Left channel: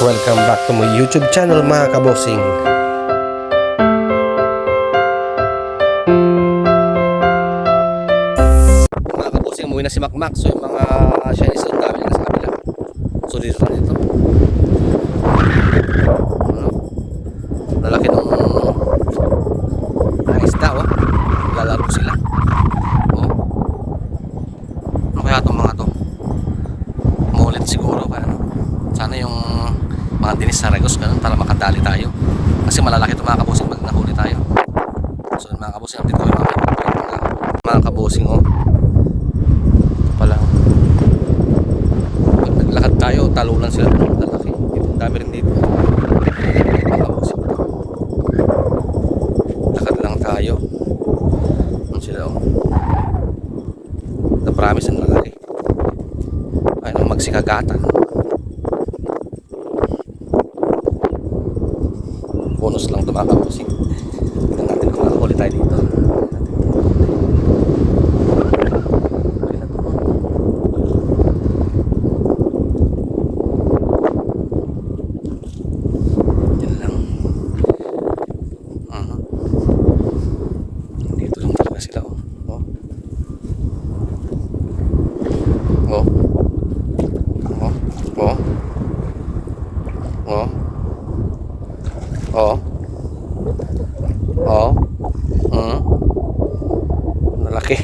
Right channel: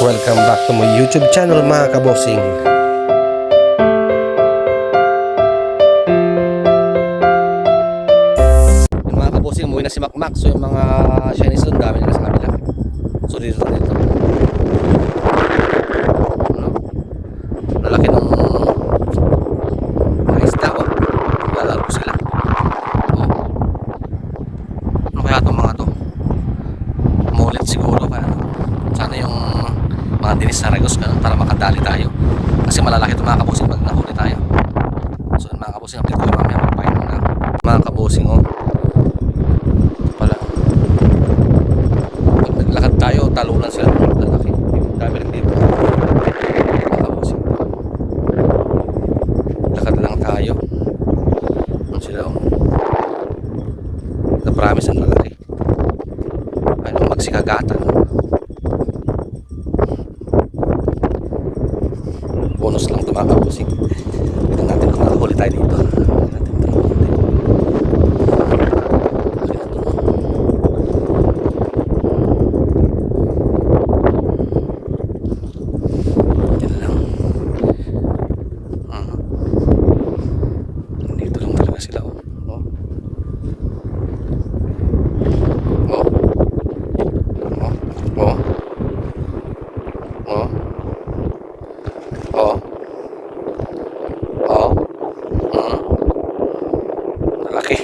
Welcome back to my YouTube channel mga kabosing. Yung mga kabosing, umuwi na si Macmac. So yung mga Chinese doon, dami nila sa kabila. So dito. Ano? Lalaki ng mga isda, oh. Lalaro sila. Oh. Ano kaya itong mga to? Mulit siguro pa. Sana yung mga dinis saragos ganun para makadali tayo. Kasi malalaki ito mga kabosing pag nahuli tayo. So mga kabosing, update ko yung mga kabosing, oh. Pala. Pag naglakad tayo, talunan sila ng lalaki. Dami rin dito. Mga kabosing. Lakad lang tayo. Ano sila, oh. Na-promise ang lalaki. Ay, magsikagata. Bonus lang ito mga kabosing. Tignan natin kung makahuli tayo dito. Yan lang. Dito lang talaga sila, oh. Oh. Oh. Oh. Oh. Oh. Nalaki.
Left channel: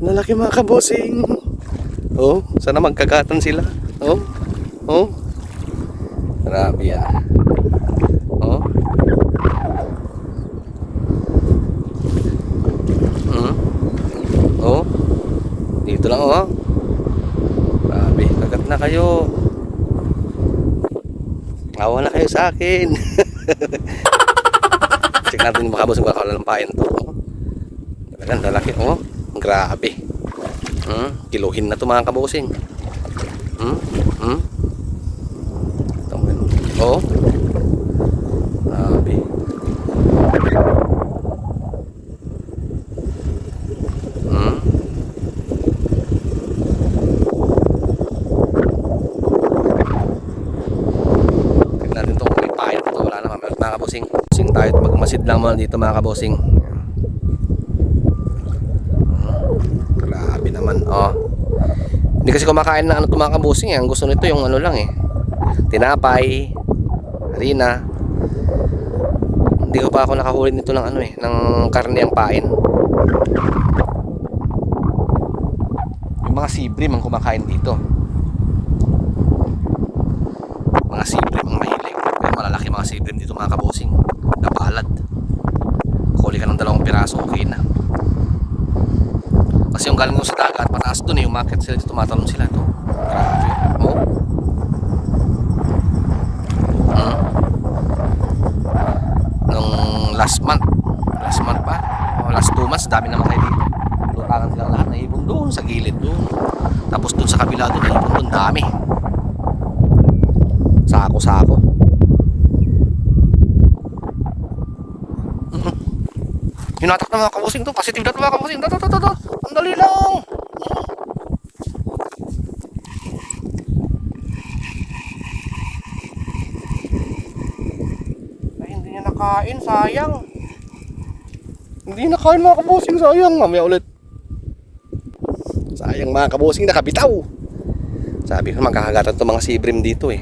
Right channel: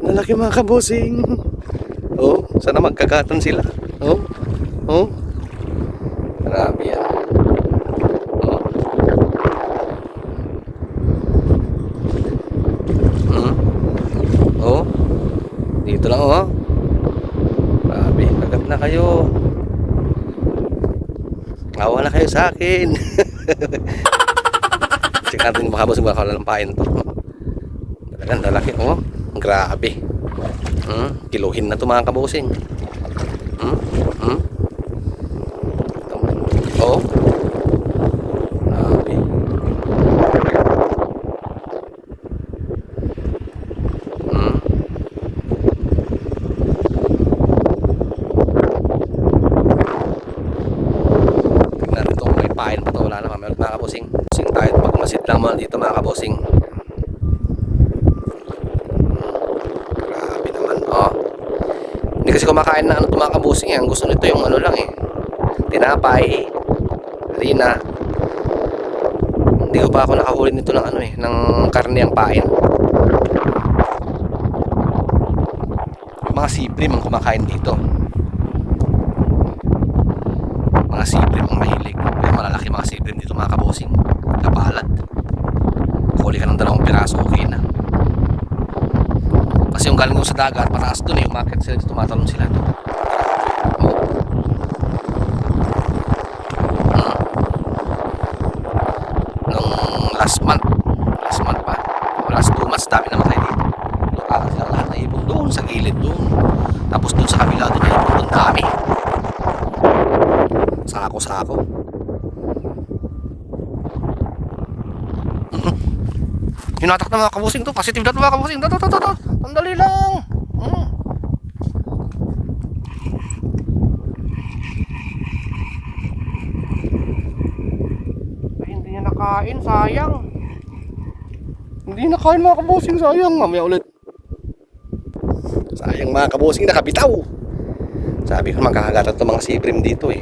Nalaki mga kabosing. Oh, sana magkagatan sila. Oh. Oh. Grabe yan. Oh. Oh. Dito lang, oh. Grabe, kagat na kayo. Awa na kayo sa akin. Check natin yung mga kabosing, baka lalampain to. Talagang lalaki, oh. Grabe. Kiluhin na to mga kabosing. Oh. Grabe. Tignan natin to kung may pain pa to. Wala naman mga kabosing. Sing tayo at magmasid lang muna dito mga kabosing. Grabe naman, oh. Hindi kasi kumakain na ano to mga kabosing, eh. Ang gusto nito yung ano lang, eh. Tinapay, harina. Hindi ko pa ako nakahuli nito ng ano, eh, ng karne ang pain. Yung mga sibrim ang kumakain dito. Mga sibrim ang mahilig. Pero malalaki mga sibrim dito mga kabosing. Napalad. Huli ka ng 2 piraso, okay na. Kasi yung galing sa dagat, pataas dun, eh. Umakit sila dito, tumatalon sila to. Nung last month pa, o last 2 months, dami naman kayo dito. Lutangan sila lahat, naipon doon sa gilid doon. Tapos doon sa kabila doon, naipon doon, dami. Sako-sako. Hinatak na mga kabosing to, positive na to mga kabosing. Ang dali lang. Ay, hindi niya nakain, sayang. Hindi nakain mga kabosing, sayang. Mamaya ulit. Sayang mga kabosing, nakabitaw. Sabi ko magkakagatan to mga sibrim dito, eh.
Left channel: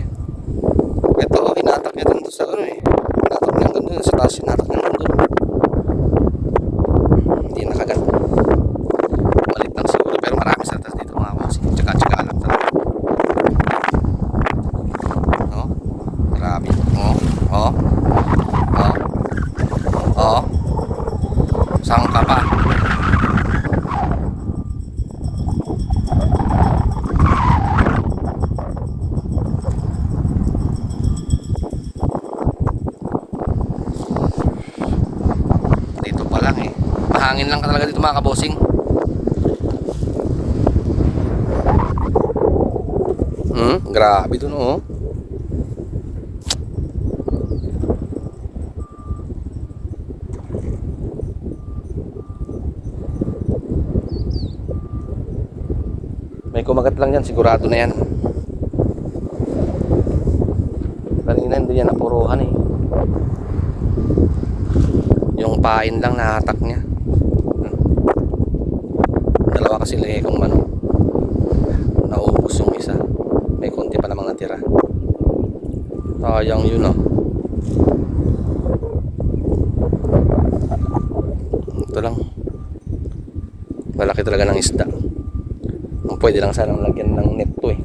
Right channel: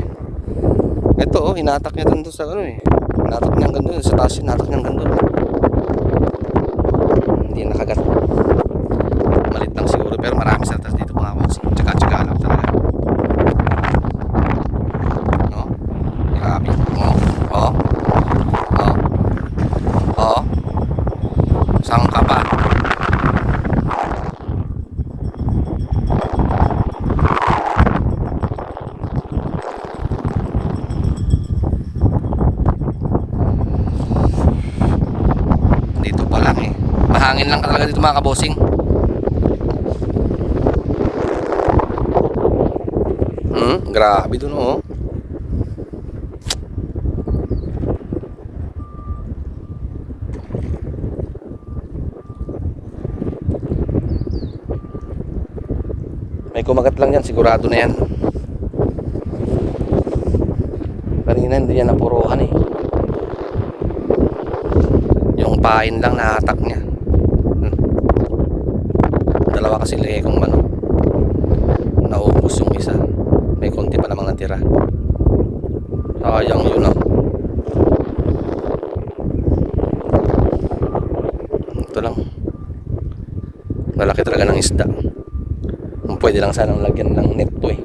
Ito, oh, hinatak niya dun sa ano, eh. Hinatak niya dun sa taas, hinatak niya dun. Hindi nakagat. Malit lang siguro, pero marami sa taas dito mga kabosing. Tsaka lang talaga. No? Grabe. Oh. Oh. Oh. Oh. Saan ka pa? Dito pa lang, eh. Mahangin lang talaga dito mga kabosing. Grabe dun, oh. May kumagat lang yan, sigurado na yan. Kanina hindi niya napuruhan eh. Yung pain lang nahatak niya. Dalawa kasi lagi kong manok. Naubos yung isa. May konti pa namang natira. Sayang yun ah. Ito lang. Malaki talaga ng isda. Pwede lang sanang lagyan ng net to eh.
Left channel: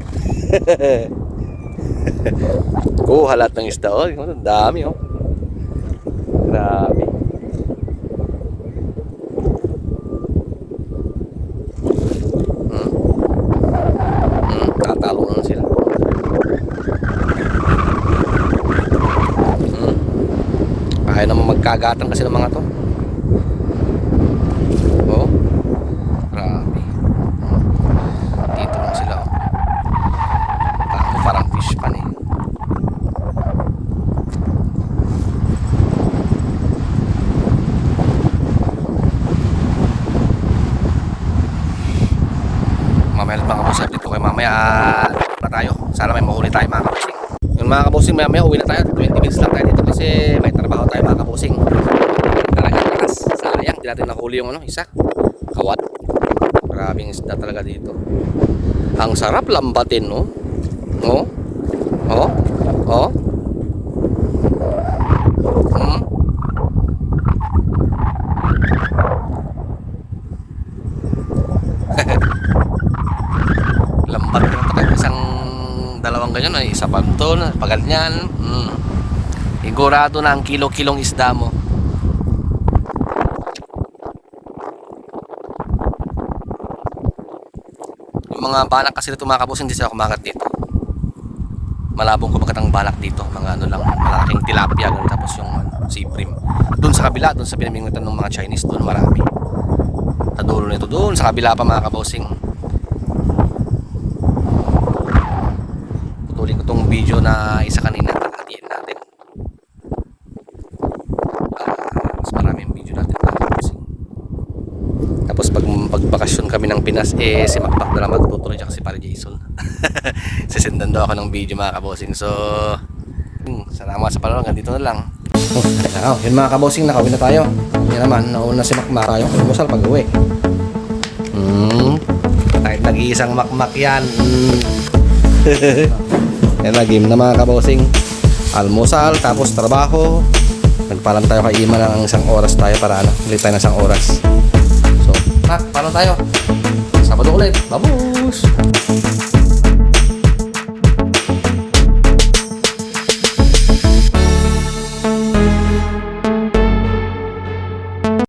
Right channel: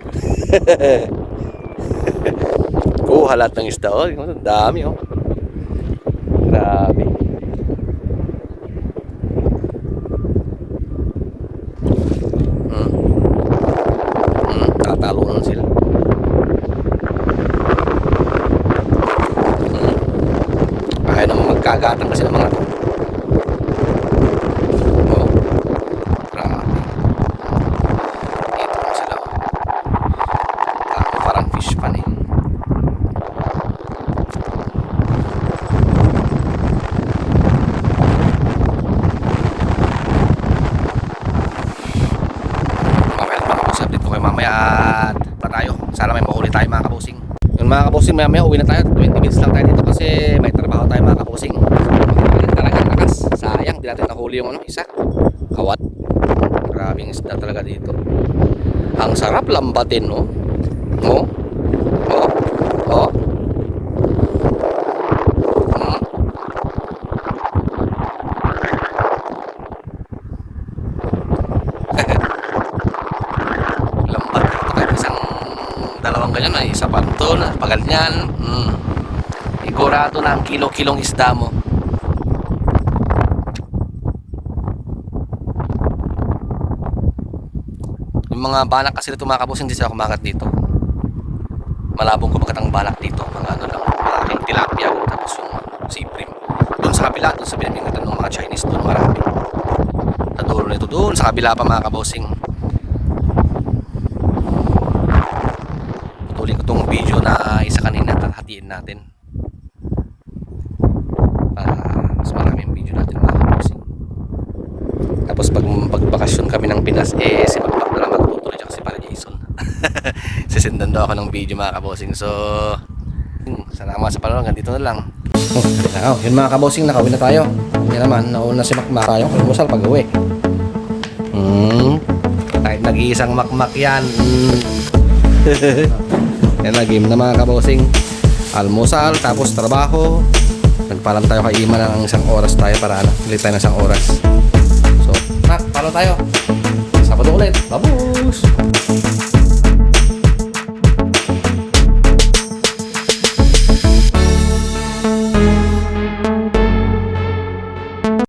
Kuha lahat ng isda. Oh, dami oh. Grabe. Tatalo na sila. Ayaw naman magkagatan kasi ng mga to. Oh. Grabe. Dito na sila oh. Parang fish pan eh. Mamaya mga kabosing, update ko kayo mamaya at pa tayo. Sana may mahuli tayo mga kabosing. Yung mga kabosing, maya uwi na tayo. 20 minutes lang tayo dito kasi may trabaho tayo mga kabosing. Talagang lakas. Sayang, di natin nahuli yung isa. Kawat. Maraming isda talaga dito. Ang sarap lambatin, no? No? Oh? Oh? Lambat kahit isang dalawang ganyan ay isa pa ito na pag ganyan sigurado na ang kilo-kilong isda mo. Yung mga balak kasi dito mga kabos hindi sila kumagat dito, malabong kumagat ang balak dito, mga ano lang malaking tilapia tapos yung siprim dun sa kabila, dun sa pinamingwitan ng mga Chinese, dun marami sa dulo nito, dun sa kabila pa mga kabosing. Tuloy ko tong video na isa kanina, hatiin natin mas maraming video natin mga kabosing. Tapos pagbakasyon kami ng Pinas si Makmak na lang magtutuloy dyan kasi para Jason sisendan daw ako ng video mga kabosing. So salamat sa panonood, ganito na lang. Yun mga kabosing, nakauwi na tayo. Yan naman, nauna si Makmak tayong almusal pag uwi. Kahit nag-iisang Makmak yan. Yan na, game na mga kabosing. Almusal, tapos trabaho. Nagpalam tayo kay Ima ng isang oras tayo para ulit tayo ng isang oras. So, paano tayo? Sabado ulit. Babus!